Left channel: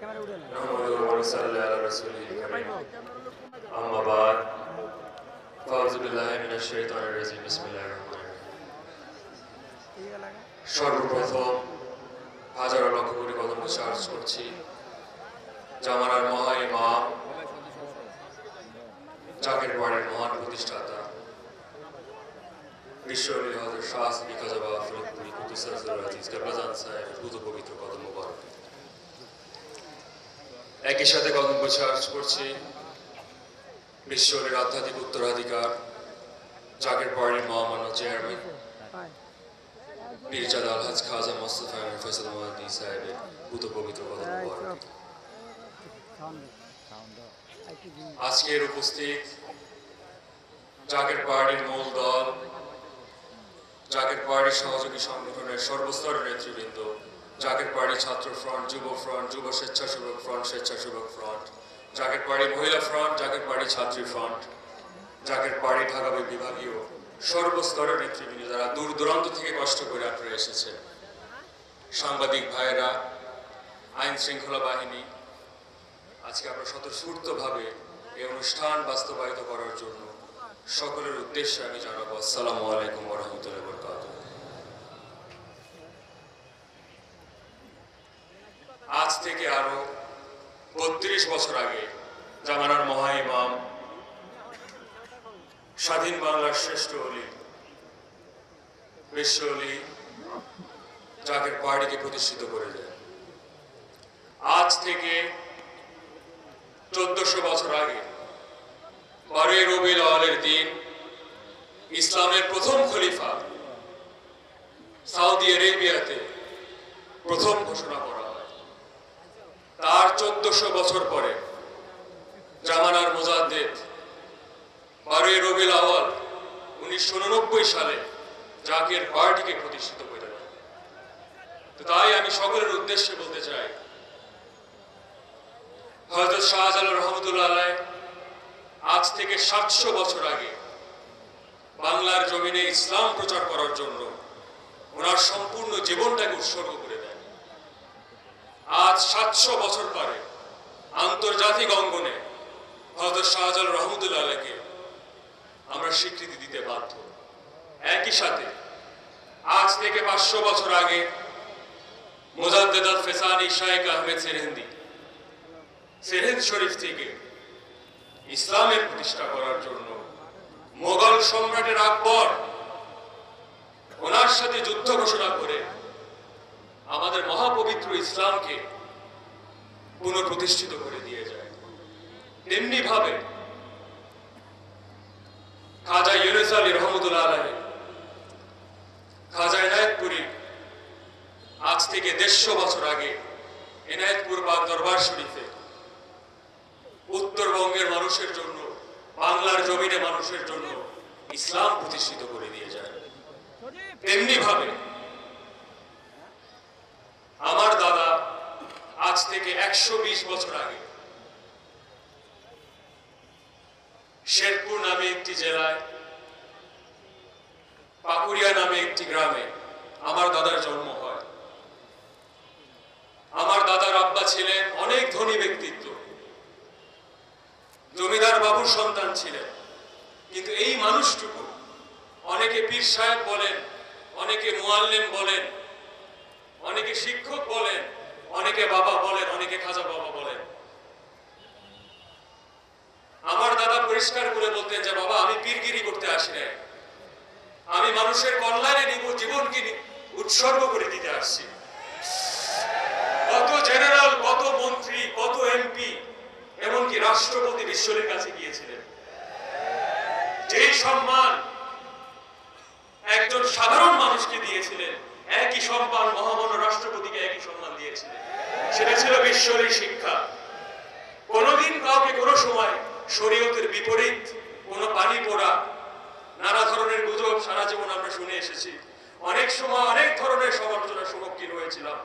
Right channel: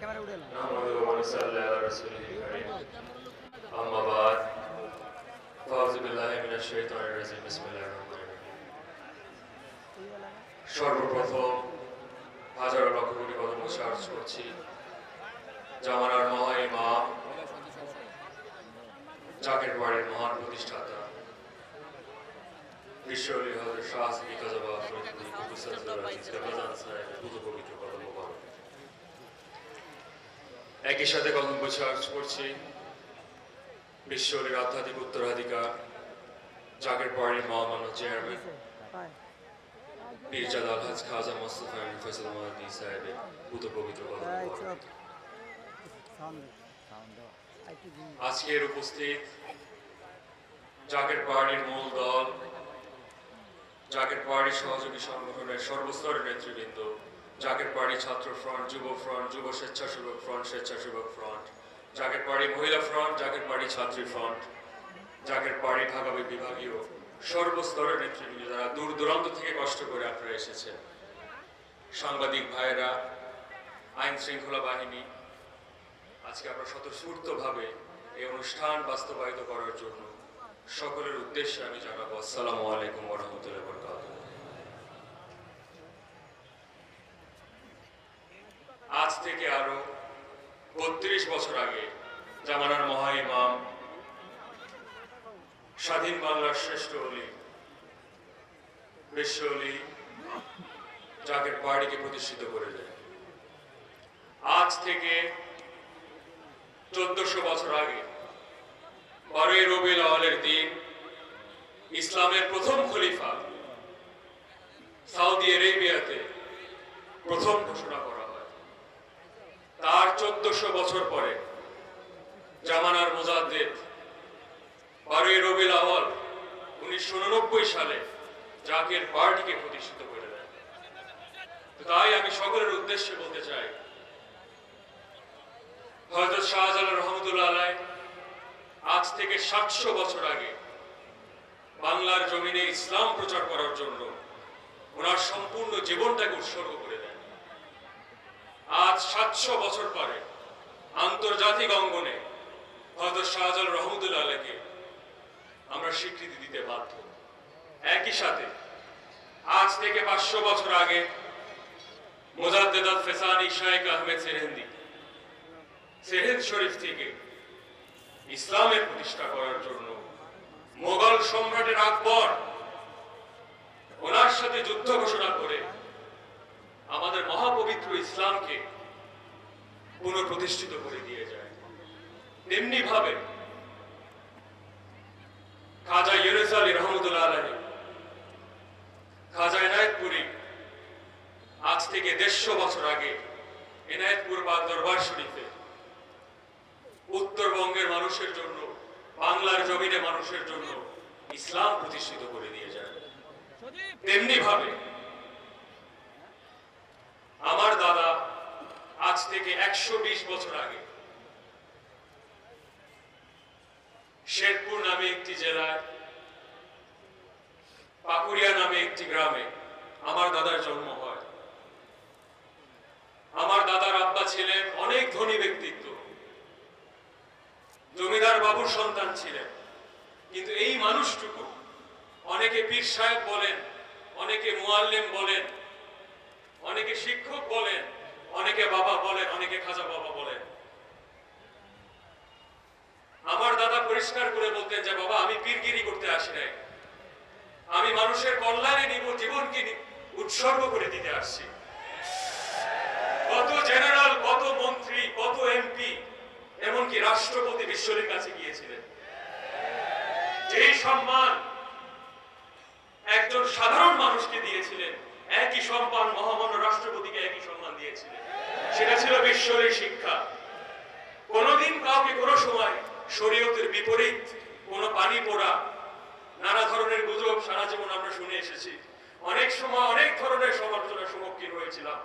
Camera উঠে না نحمده ونصلي على رسوله الكريم أما بعد فأعوذ بالله من الشيطان الرجيم بسم الله الرحمن الرحيم সর্বপ্রথম হাজারো লক্ষ কোটি কদম চার্জ করছি জামানার মহা ইমাম জাকের বাড়ির মহান প্রতিষ্ঠাতা বিশ্বলী হযরত শাহ বিকাজবা ফরিদপুরি কুতুবুল আজিজ কাবলাজান সাহেবের পুত পবিত্র কদম মোবারক একই সাথে কদম চার্জ করছি বিশ্বলীর আধ্যাত্মিক উত্তরাধিকার জাকের বাড়ির মহামান্য চেয়ারম্যান পীরজাদা আলহাজ খাজা মোস্তফা ফয়সাল মাহদি সাহেবের পুত পবিত্র কদম মোবারক আজকের উপস্থিত জাকের পার্টির মূল দল জাকের পার্টির সহযোগী সংগঠনের সর্বস্তরের নেতৃবৃন্দ জাকের পার্টি ছাত্র ফ্রন্ট যুব স্বেচ্ছাসেবক ফ্রন্ট স্বেচ্ছাসেবক ফ্রন্ট জাকের পার্টি মহিলা ফ্রন্ট জাকের পার্টি ছাত্রী ফ্রন্ট জাকের পার্টি ঢাকা বিভাগীয় সর্বস্তরের নেতৃবৃন্দ যারা দূর দূরান্ত থেকে কষ্ট করে আপনারা এসেছেন, সাংবাদিক ভাইয়েরা, আইন শৃঙ্খলা বাহিনী, আজকে আমরা স্বতঃস্ফূর্তভাবে এই অনুষ্ঠান বাস্তবায়িত করার জন্য সকলের উদ্দেশ্যে আমি জানাবো আসসালামু আলাইকুম ওয়া রাহমাতুল্লাহি ওয়া বারাকাতুহু। আজ থেকে আরো ৩২ বছর আগে জামানার মহা ইমাম স্বাধীন বাংলার শ্রেষ্ঠ ওলি বিশ্ব ওলি জাকের পার্টিকে প্রতিষ্ঠিত করে দেয়। আজ থেকে ১৪০০ বছর আগে ১২ই রবিউল আউয়ালের দিন ইসলামের প্রথম খলিফা সৌদি আরবিয়াতে প্রথম ঘোষণা করা হয়। তার ১৪০০ বছর পরে জামানার মুজাদ্দেদ ১২ই রবিউল আউয়াল ১৯৮৯ সালে জাকের পার্টিকে প্রতিষ্ঠিত করে দেয়। তো তাই আমি সকলের উদ্দেশ্যে বলতে চাই, হযরত শাহজালাল রহমতুল্লাহ আলাইহি আজ থেকে ৭০০ বছর আগে বাংলার জমিনে ইসলাম প্রচার করার জন্য ওনার সম্পূর্ণ জীবনটাকে উৎসর্গ করে দেন। আজ ৭০০ বছর পরে আন্তর্জাতিক অঙ্গনে হযরত শাহজালাল রহমতুল্লাহ আলাইহিকে আমরা স্বীকৃতি দিতে বাধ্য। একই সাথে আজ থেকে ৫০০ বছর আগে মুজাদ্দেদ আল ফেসানি শাইখ আহমেদ সেরেন্দ শরীফ থেকে ইসলামের প্রতিষ্ঠা করার জন্য মোগল সম্রাটের আকবর ওনার সাথে যুদ্ধ ঘোষণা করে আমাদের মহাপবিত্র ইসলামকে পুনঃপ্রতিষ্ঠিত করে দিয়ে যায়। তেমনি ভাবে খাজা ইউনুস আলী রহমতুল্লাহ আলাইহি খাজা এনায়েতপুরী আজ থেকে ১৫০ বছর আগে এনায়েতপুর পাক দরবার শরীফে উত্তরবঙ্গের মানুষের জন্য, বাংলার জমিনে মানুষের জন্য ইসলাম প্রতিষ্ঠিত করে দিয়ে যায়। তেমনি ভাবে আমার দাদা আজ থেকে ১২০ বছর আগে শেরপুর নামে একটি জেলায় পাকুড়িয়া নামে একটি গ্রামে আমার দাদার জন্ম হয়। আমার দাদার আব্বা ছিলেন অনেক ধনী ব্যক্তিত্ব, জমিদার বাবুর সন্তান ছিলেন, কিন্তু এই মানুষটুকু, অনেকে পীর সাহেব বলেন, অনেকে মুআল্লিম বলেন, অনেকে শিক্ষক বলেন, অনেকে বাবা বলেন, অনেকে খাজা বাবা বলেন, আমার দাদা পরিষ্কার করে বলতেন যে বাবা আমি পীরগিরি করতে আসি নাই, আমি মানুষের কল্যাণে জীবনকে উৎসর্গ করে দিতে আসছি। কত জেনারেল, কত মন্ত্রী, কত এমপি, এমনকি রাষ্ট্রপতি বিশ্বলীর কাছে গিয়েছিলেন। যেই সম্মান একজন সাধারণ মানুষকে দিয়েছিলেন, একই সম্মান মহামান্য রাষ্ট্রপতিকে একই সম্মান দিয়েছিলেন। সেটা ছিল বিশ্বলীর শিক্ষা। কোনোদিন কাউকে কোনো সময় শরীয়তের বিপরীত কোনো পানি পোড়া, নানা ধরনের গুজব সারা জীবন আমরা শুনে এসেছি। অনেক সময় অনেক ধরনের সমালোচনার সম্মুখীন হয়েছিলাম,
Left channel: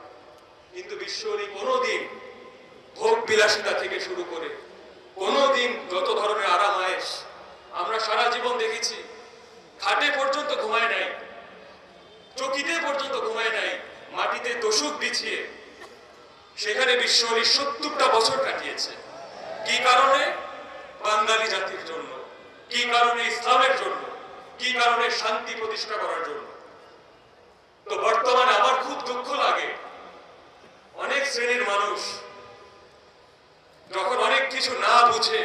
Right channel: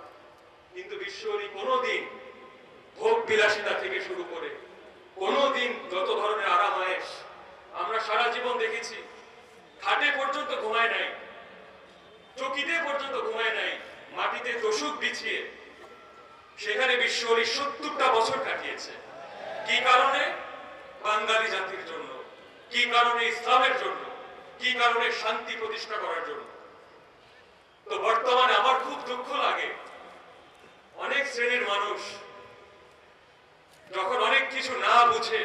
কিন্তু বিশ্বলী কোনোদিন ভোগ বিলাসিতা থেকে শুরু করে কোনোদিন যত ধরনের আরাম আয়েশ আমরা সারা জীবন দেখেছি, খাটে পর্যন্ত ঘুমায় নাই, চকিতে পর্যন্ত ঘুমায় নাই, মাটিতে তোষক বিছিয়ে সেখানে বিশ্বলি 70টা বছর কাটিয়েছে। কি কারণে? বাঙালি জাতির জন্য। কি কারণে? ইসলামের জন্য। কি কারণে? শান্তি প্রতিষ্ঠা করার জন্য। তো বর্তমানে আমার খুব দুঃখ লাগে, অনেক শ্রেণীর মানুষ যখন অনেক কিছু না বুঝে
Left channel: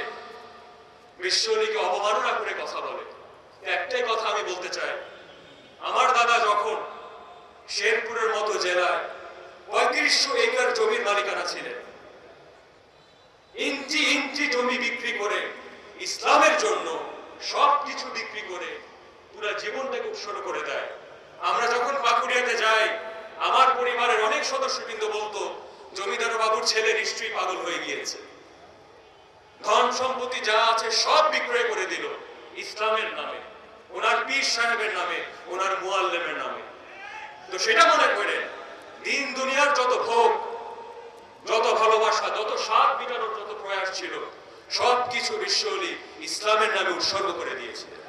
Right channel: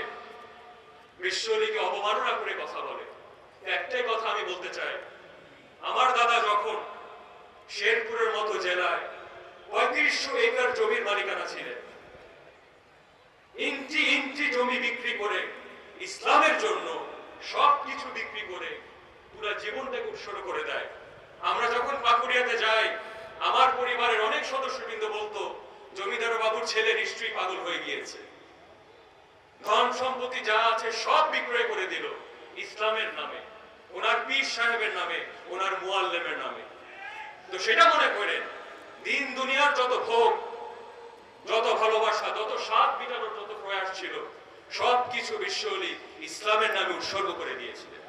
বিশ্বলিকে অবমাননা করে কথা বলে। একটাই কথা আমি বলতে চাই, আমার দাদা যখন শেরপুরের মতো জেলায় 3500 একর জমির মালিকানা ছিলেন, ইঞ্চি ইঞ্চি জমি বিক্রি করে ইসলামের জন্য সবকিছু বিক্রি করে পুরো জীবনটাকে উৎসর্গ করে দেয়। আমরা যখন পাকুড়িয়াতে যাই, আমার পরিবারের অনেক সদস্য কিন্তু বলতো, জমিদার বাবুর ছেলে নিশ্চয়ই পাগল হয়ে গিয়েছে, ধন সম্পত্তি যা আছে সব বিক্রয় করে দিল ইসলামের নামে, ওনার পীর সাহেবের নামে, ওনার মুআল্লিমের নামে। তো সেটা মনে করে দিন দুনিয়ার যত ভোগ, যত ভালোবাসা, যত স্বাদ মেটানোর যত প্রয়াস ছিল, সবকিছু বিশ্বলি ইসলামের নামে উৎসর্গ করে দিয়েছিলেন।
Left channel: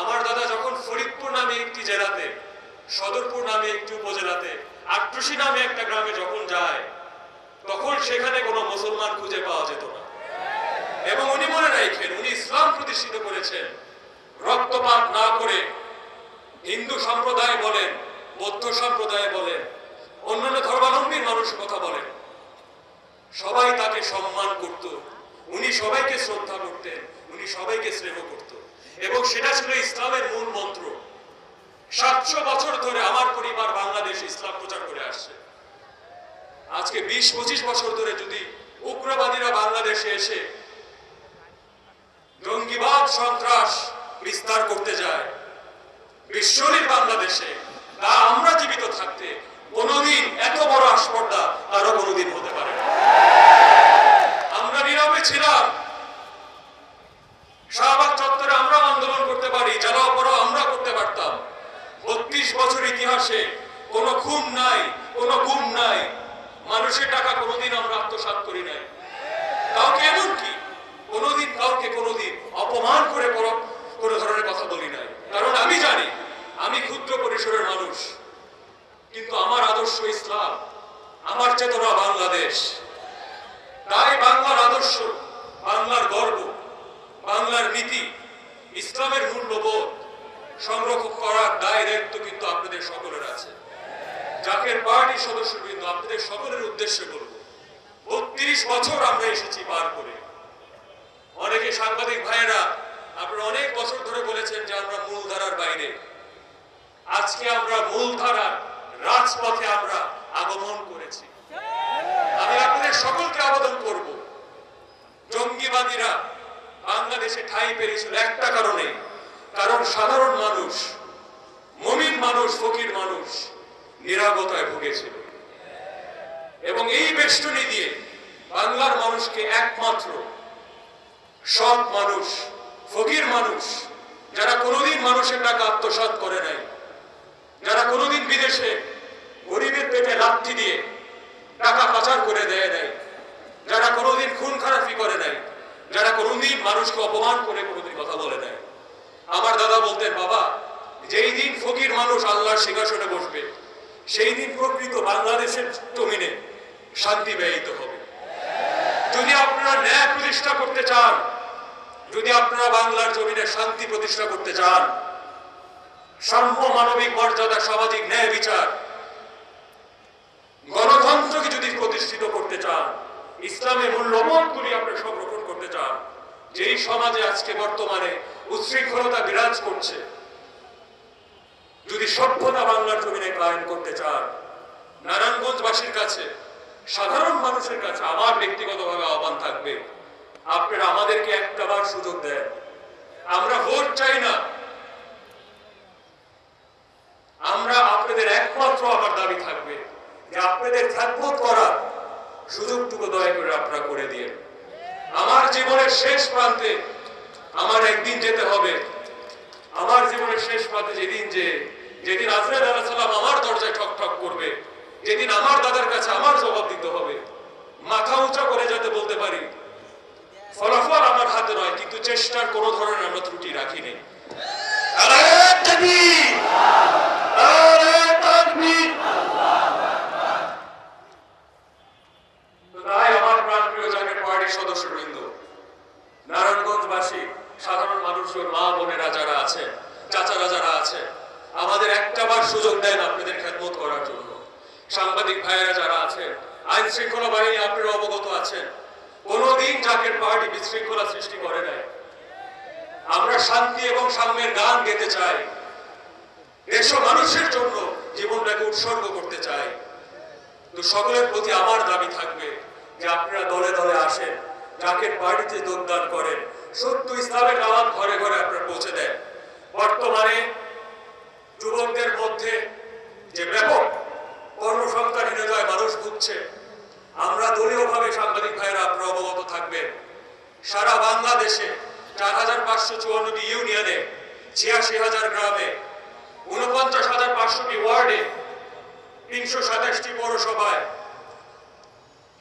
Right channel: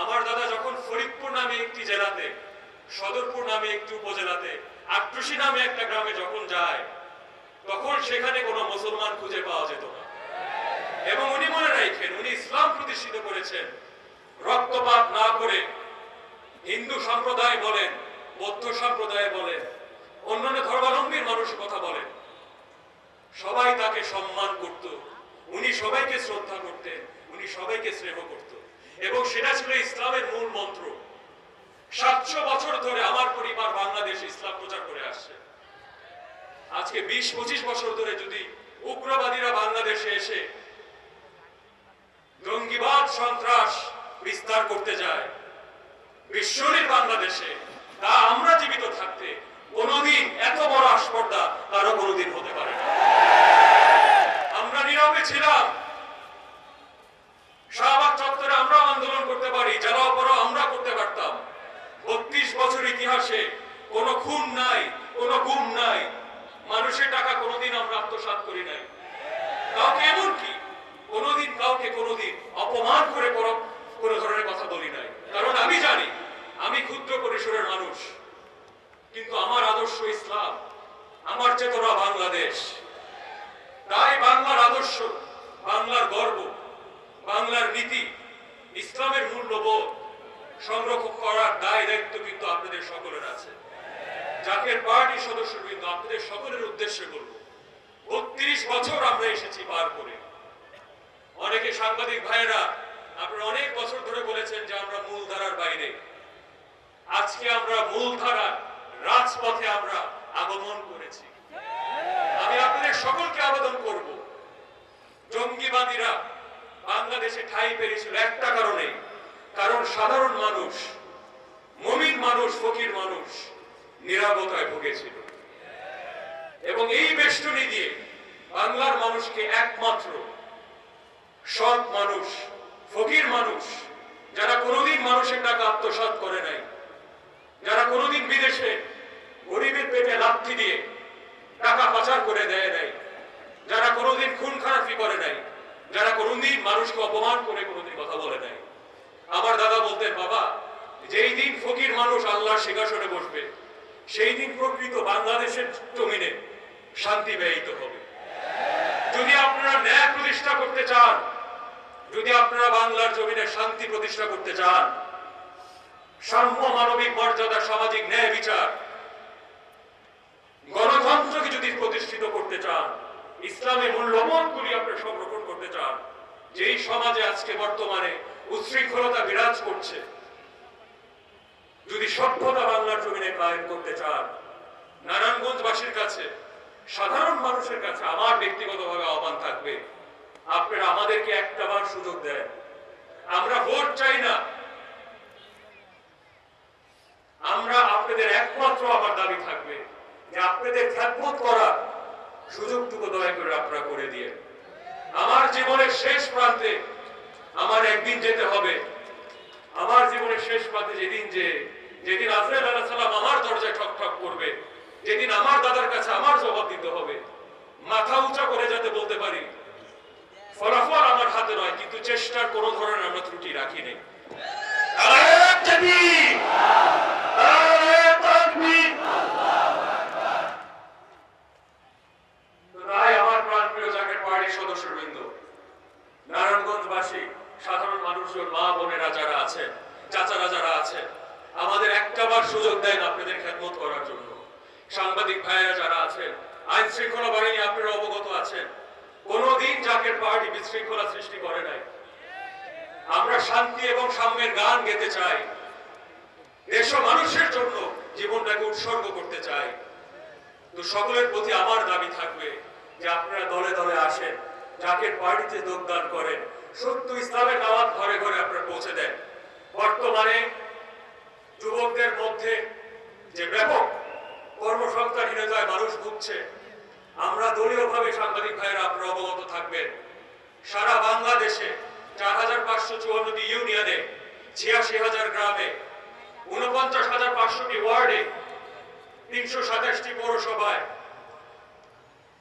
আমার দাদা যখন ফরিদপুর নামে একটি জেলাতে, সদরপুর নামে একটি উপজেলাতে, আট্রসি নামে একটা গ্রামে যখন যায়, তখন সেখানে কোনো মুসলমান খুঁজে পাওয়া যেত না। এবং উনি মনে রাখেন, উনি ইসলাম প্রতিষ্ঠিত করেছেন রক্তপাত না করে। হিন্দু সম্প্রদায় বলেন, বৌদ্ধ সম্প্রদায় বলেন, অন্যান্য ধর্মাবলম্বীর মানুষ কথা বলেন, সবাই তাকে সম্মান করত, উনি সবাইকে শ্রদ্ধা করতেন, উনি সবাইকে স্নেহ করত। এবং সেটা ছিল ইসলামের মূল মন্ত্র। 700 বছর ধরে আমার পরিবার বাংলাদেশে ইসলাম প্রচার করে আসছে। আজকে 20-25 বছর ধরে যদি উগ্রবাদীরা বাংলাদেশে এসে জঙ্গিবাদ সন্ত্রাস বিস্তার করতে যায় বিশ্বলির বাংলাদেশে, তা আমরা জীবিত থাকতে কোনোদিন এত বড় আস্পর্ধা তারও কোনোদিন হতে পারে না। আমরা নীরবে ছিলাম, শাহবাগ চত্বরে আমরা আন্দোলন করতে পারি, জ্বালাও পড়াও আমরা করতে পারতাম। 32 বছর ইতিহাসে কোনো খুন নাই, কোনো গুম নাই, মানুষের টাকা কোনোদিন আমরা আত্মসাৎ করি নাই। কাউকে এমনকি কোনোদিন কাউকে কোনোদিন অপমান করে কোনো ধরনের কথা বলি নাই। কারণ আমি জানি আমি ক্ষুদ্র পরিসরের মানুষ, কিন্তু আমার আদর্শ ইসলাম, আমার চেতনা বাংলাদেশ। তাই বাংলার আদর্শ, বাংলার গর্ব, বাংলার নীতি, ইসলামের মূল্যবোধ সংরক্ষণ করার দায় দায়িত্ব কিন্তু আপনাদের সকলের আছে। জাকের পার্টির সদস্যবৃন্দ, আপনাদের সকলের উদ্দেশ্যে বলব, 32 বছর আমরা এসেছি পার করে। অনেকে সাংবাদিক ভাইয়েরা আপনারা অনেক বছর ধরে বলেছেন যে আমরা মূলধারার বাইরে। আজকে আমরা মূলধারার রাজপথে আমরা আগমন করেছি। আমি আপনাদের সকলকে আবেদন করব, জঙ্গিবাদীরা বাংলাদেশে ঠাঁই পেয়েছিল একটা কারণে, কারণ সাধারণ মানুষ, মুমিন মানুষ, ফকির মানুষ নিরাপত্তায় ভুগেছিল। এবং এই বেষ্টনী দিয়ে বাংলার মানুষকে একমাত্র সৎ মানুষ, ফকির মানুষ, যারা কোনোদিন মানুষের টাকা আত্মসাৎ করে নাই, যারা কোনোদিন বিদেশে গরিবের পেটে লাথি দিয়ে টাকা পাচার করে দেয় নাই, যারা কোনোদিন খুন খারাপি করে নাই, যারা কোনোদিন মানুষকে অপমান করে কোনোদিন কথা বলে নাই। আমার দাদা বলতেন, বাবা, যেই দিন ফকির মানুষ আল্লাহর সিংহাসনে বসবে, সেই দিন প্রকৃত বাংলাদেশের জমিনে শান্তি ব্যয়িত হবে। যদি আপনারা ন্যায় প্রতিষ্ঠা করতে চান, যদি আপনারা বাংলার জমিনে শান্তি প্রতিষ্ঠা করতে চান, সাম্য, মানবিক মর্যাদা, সামাজিক ন্যায় বিচার, গণতন্ত্রকে যদি প্রতিষ্ঠিত করতে চান, ইসলামের মূল্যবোধগুলি আপনারা সংরক্ষণ করতে চান, যেই সমাজে আজকে বর্তমানে উচ্ছৃঙ্খলতা বিরাজ করছে, যদি সভ্যতা বাংলার জমিনে কায়েম করতে চান, নারায়ণগঞ্জবাসীর কাছে, সাধারণ মানুষের কাছে আমার ব্যক্তিগতভাবে আহ্বান থাকবে, আপনারা আমাদেরকে একটাবার সুযোগ দেন। আমরা ভোট চাই না, আমরা আপনাদের একমাত্র আমার দাবি থাকবে যে আপনাদের খেদমত করার সুযোগটুকু দয়া করে আপনারা করে দিয়ে। আমার জীবনের শেষ প্রান্তে আমার একদিন যেতে হবে। আমার জীবনের শেষ প্রান্তে যেদিন আজরাইল আলাইহিস সালাম আমার দরজায় ঠক ঠক করবে, যেদিন আমার দাদার কাছে আমার জবাব দিতে হবে, মাথা উঁচা করে যাতে বলতে পারি, ফলাফল আমার হাতে নয়, কিন্তু চেষ্টার কোনো ধরনের আমরা ত্রুটি রাখি নেই। আল্লাহু তাকবীর, আল্লাহু তাকবীর। সাংবাদিক ভাইয়েরা যারা আছেন, আইন শৃঙ্খলা বাহিনী, আপনারা অবগত আছেন, কোনোদিন জাকের পার্টি বিশৃঙ্খলা সৃষ্টি করে নাই। আমরা শান্তি এবং সাম্যের গান গেতে চাই, দেশ ও মানুষের জন্য জীবনটাকে উৎসর্গ করতে চাই। তো সকলের প্রতি আমার দাবি থাকবে যে আপনারা দলে দলে আসেন, জাকের পার্টিতে যোগদান করেন, সত্য ইসলামের দাওয়াত ঘরে ঘরে আপনারা পৌঁছে দেন। বর্তমানে যুবকদের মধ্যে যে ব্যাপক কর্মসংস্থানহীনতায় মানুষ ভুগছে, আমরা দলীয়ভাবে সাংবাদিক ভাইয়েরা আপনারা অবগত থাকবেন, সারা বাংলাদেশে ৪,৫৫৪টি ইউনিয়নে, ৮৬,০০০ গ্রামে, ৪৯,৫০০টি ওয়ার্ডে, ৩২৭টি পৌরসভায়,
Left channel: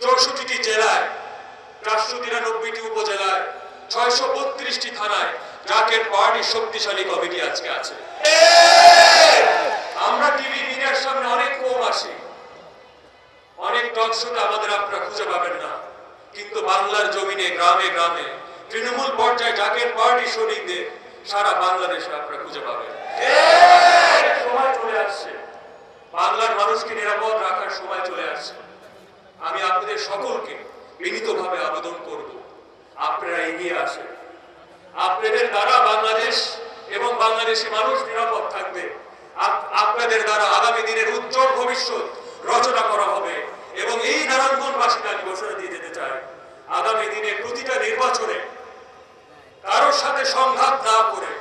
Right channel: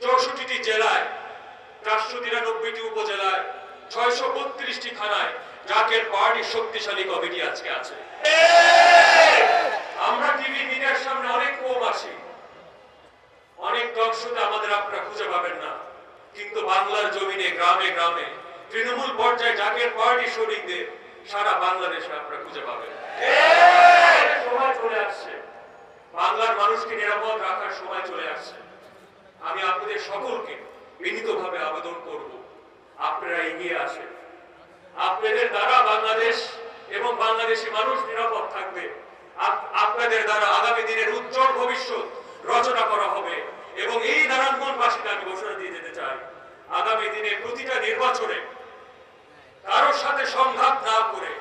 ৬৪টি জেলায়, ৪৯৩টি উপজেলায়, ৬৩২টি থানায় জাকের পার্টির শক্তিশালী কমিটি আজকে আছে। আমরা টিভি মিডিয়ার সামনে অনেক কম আসি, অনেক টক শোতে আমাদের আপনারা খুঁজে পাবেন না, কিন্তু বাংলার জমিনে গ্রামে গ্রামে তৃণমূল পর্যায়ে জাকের পার্টি সৈনিকদের সারা বাংলাদেশে আপনারা খুঁজে পাবেন। সময় চলে আসছে, বাংলার মানুষকে নিরাপদ রাখার সময় চলে আসছে। আমি আপনাদের সকলকে বিনীতভাবে আবেদন করব, আপনারা এগিয়ে আসেন। আপনাদের দ্বারা বাংলাদেশ এবং বাংলাদেশি মানুষ নিরাপদ থাকবে। আপনাদের দ্বারা আগামী দিনের উজ্জ্বল ভবিষ্যৎ রচনা করা হবে। এবং এই নারায়ণগঞ্জবাসীকে আমি ঘোষণা দিয়ে যেতে চাই, আগামী দিনে প্রতিটা নির্বাচনে কারোর সাথে সংঘাত না করে